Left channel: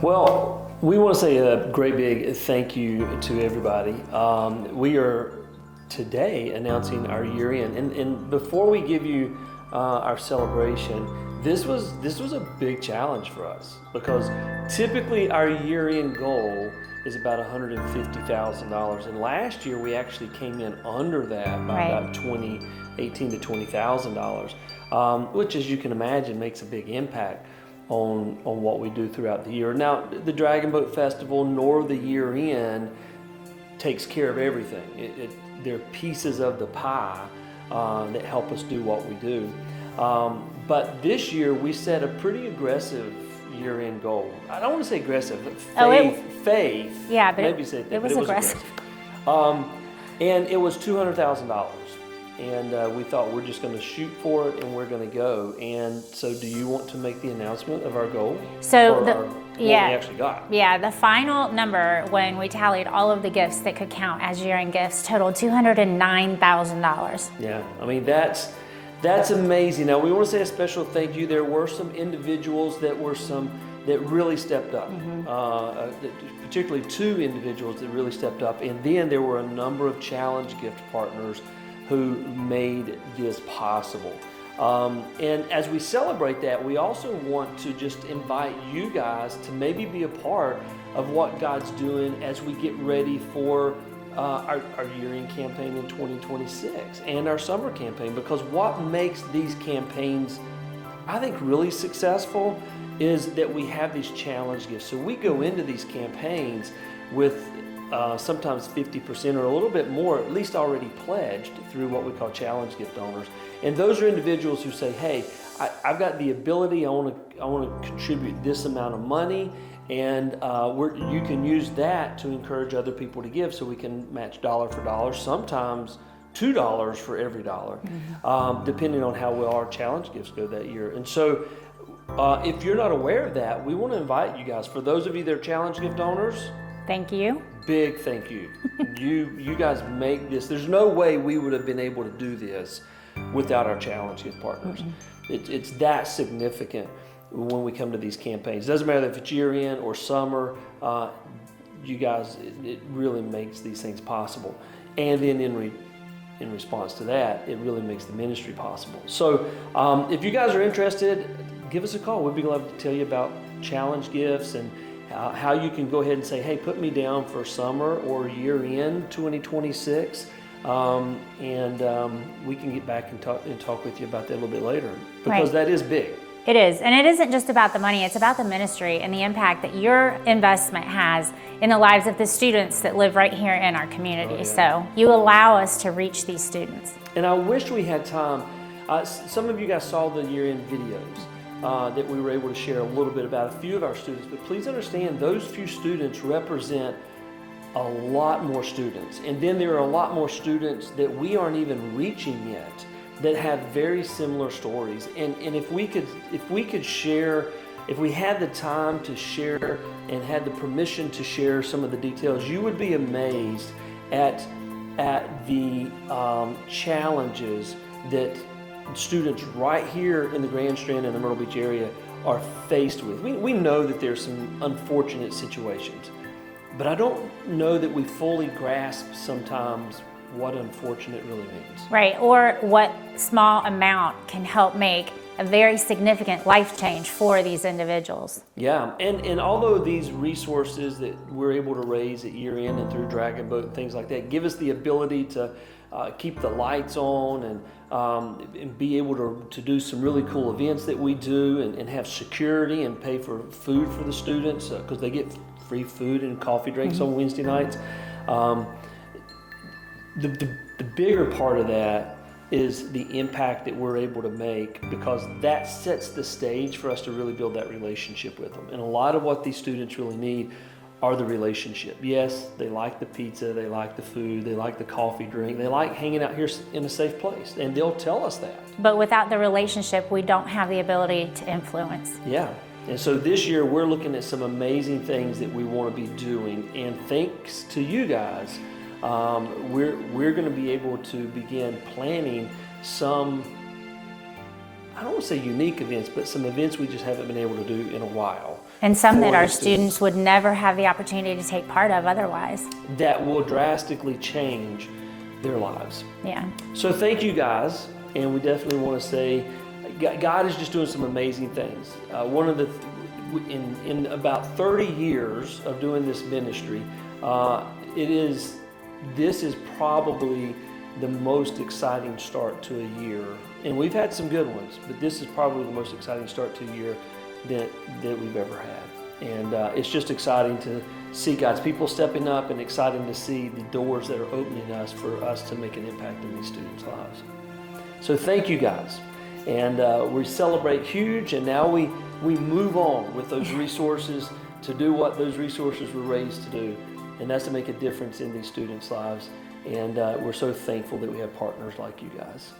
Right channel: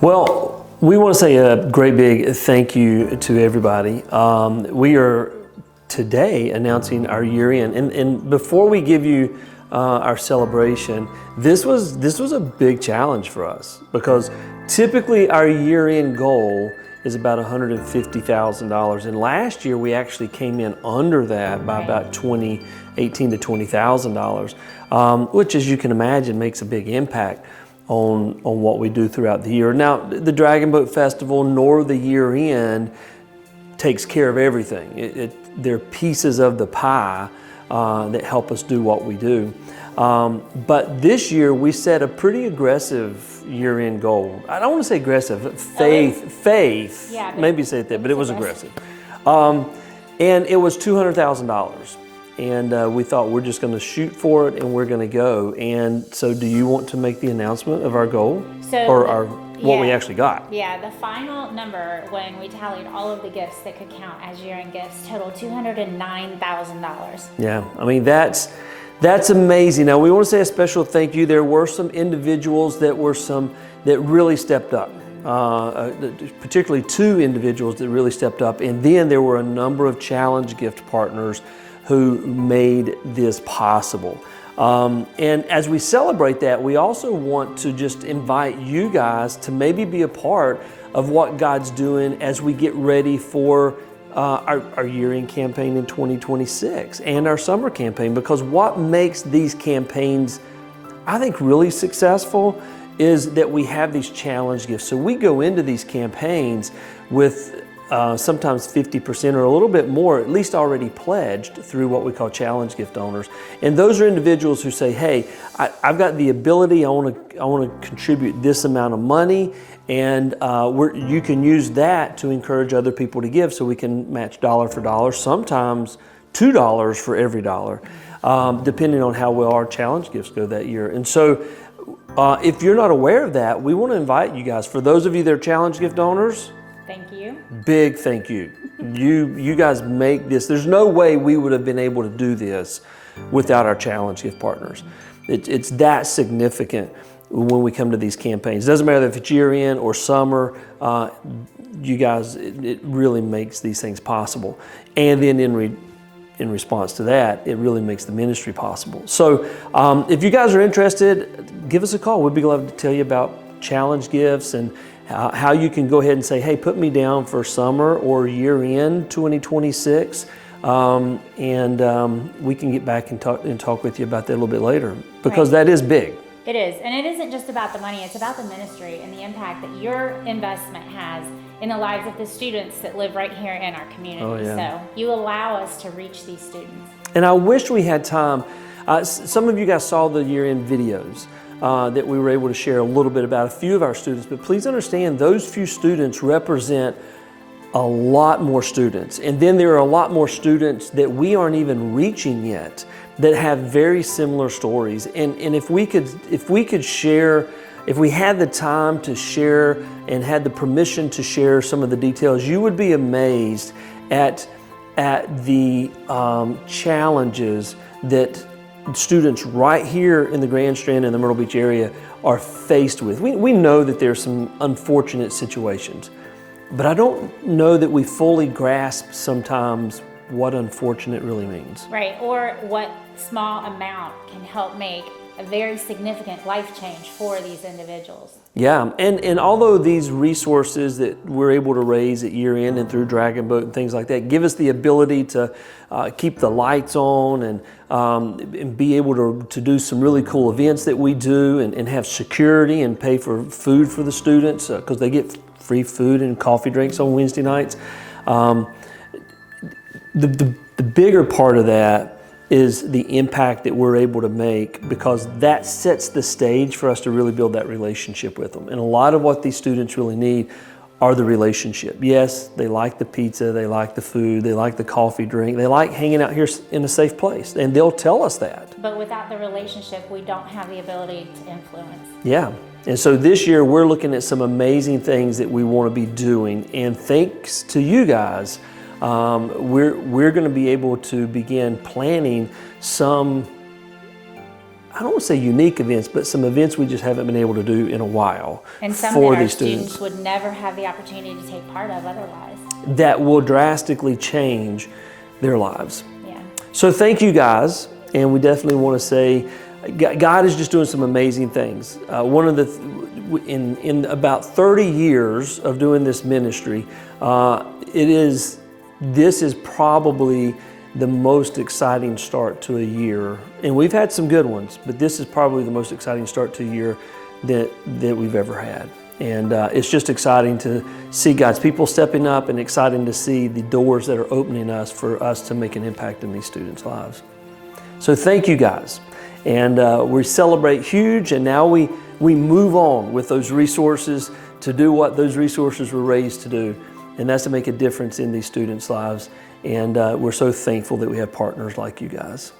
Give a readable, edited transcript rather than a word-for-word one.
Well, we want to say a great big thank you to everybody. We are today announcing our year end, and before we give you our celebration, this was a big challenge for us because typically our year end goal is about $150,000, and last year we actually came in under that by about $18,000 to $20,000, which, as you can imagine, makes a big impact on what we do throughout the year. Now, the Dragon Boat Festival nor the year end takes care of everything. They're pieces of the pie that help us do what we do. But this year we set a pretty aggressive year-end goal. I don't want to say aggressive, but faith. Yeah, maybe say it there, but it was aggressive. And it was $200,000. And we thought we're just going to shoot for it and we're going to go. And so do you want to make the announcement of our goal? What we actually got? Yeah, the final number when we tallied all of the gifts that could count as year-end gifts totaled $209,000. Yeah, I mean, that's amazing. Now, we want to say a special thank you. There were some individuals that really stepped up. Particularly two individuals that really stepped up. And then there were a number of challenge gift partners who made this possible. And as we celebrate that, we also want to just invite you guys to maybe be a part of what God's doing as we get ready for our year-end campaign in 2026 and our summer campaign, because what makes these campaigns, I think, really successful is that we have these challenge gifts. So we go into these campaigns with sometimes 50% or a little bit more, at least already pledged through what we call challenge gift owners. And those are individuals who say, hey, I've got the ability, I want to contribute this amount of money, and you can use that to encourage other people to give, so we can match dollar for dollar, sometimes $2 for every dollar, depending on how well our challenge gifts go that year. And so if you're not aware of that, we want to invite you guys. For those of you that are challenge gift owners, thank you. Big thank you. You guys make this. There's no way we would have been able to do this without our challenge gift partners. It's that significant when we come to these campaigns. It doesn't matter if it's year end or summer, you guys, it really makes these things possible. And then in response to that, it really makes the ministry possible. So if you guys are interested, give us a call. We'd be glad to tell you about challenge gifts and how you can go ahead and say, hey, put me down for summer or year-end 2026, and we can get back and talk with you about that a little bit later, because that is big. It is, and it isn't just about the money, it's about the ministry and the impact that your investment has in the lives of the students that live right here in our community. So you allow us to reach these students. And I wish we had time. Some of you guys saw the year-end videos that we were able to share a little bit about a few of our students, but please understand those few students represent a lot more students. And then there are a lot more students that we aren't even reaching yet that have very similar stories. And if we could share, if we had the time to share and had the permission to share some of the details, you would be amazed at the challenges that students right here in the Grand Strand and the Myrtle Beach area are faced with. We know that there's some unfortunate situations, but I don't know that we fully grasp sometimes what unfortunate really means. Right, or what small amount can help make a very significant life change for these individuals. Yeah, and although these resources that we're able to raise at year end and through Dragon Boat and things like that give us the ability to keep the lights on and be able to do some really cool events that we do and have security and pay for food for the students, because they get free food and coffee drinks on Wednesday nights. The bigger part of that is the impact that we're able to make, because that sets the stage for us to really build that relationship with them. And a lot of what these students really need are the relationship. Yes, they like the pizza, they like the food, they like the coffee drink, they like hanging out here in a safe place, and they'll tell us that. But without the relationship, we don't have the ability to influence. Yeah, and so this year we're looking at some amazing things that we want to be doing, and thanks to you guys, we're going to be able to begin planning some, I don't want to say unique events, but some events we just haven't been able to do in a while. And some for that our these students would never have the opportunity to take part of otherwise. that will drastically change their lives. Yeah. So thank you guys, and we definitely want to say God is just doing some amazing things. One of the in about 30 years of doing this ministry, this is probably the most exciting start to a year, and we've had some good ones, but this is probably the most exciting start to a year that we've ever had. And it's just exciting to see God's people stepping up, and exciting to see the doors that are opening us for us to make an impact in these students' lives. So thank you guys. And we celebrate huge, and now we move on with those resources to do what those resources were raised to do, and that's to make a difference in these students' lives. And we're so thankful that we have partners like you guys.